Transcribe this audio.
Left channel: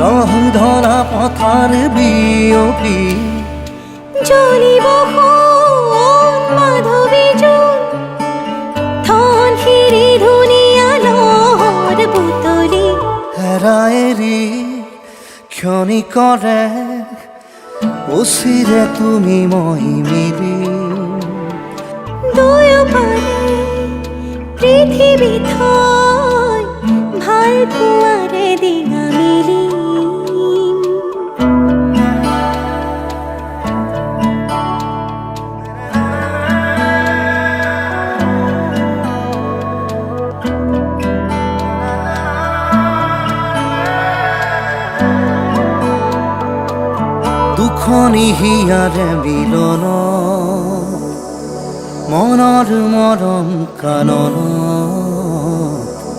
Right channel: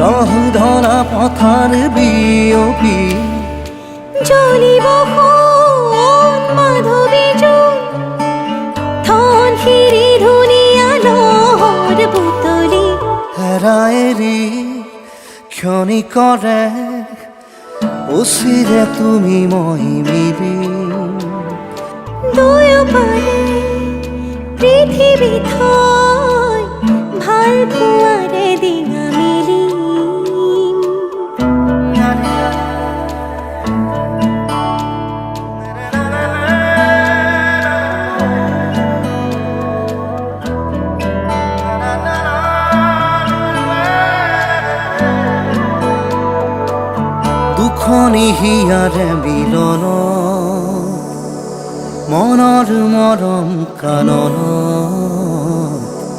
ৰহ ধৰা পথাৰ বিয়পি জ্বলিব সোণ মাধৱী জোন থন শিৰি ধুনীয়া লহৰ বুটলি হেৰাই এৰি ক্ষণিকৰে উচিৰে তুমি মই মিলি দুয়োপাৰে পৃথিৱী থৈ ভাল পোৱাৰে ডিঙা মেলি দুখনি হিয়াৰে মিলন মনৰ মৰম কাননত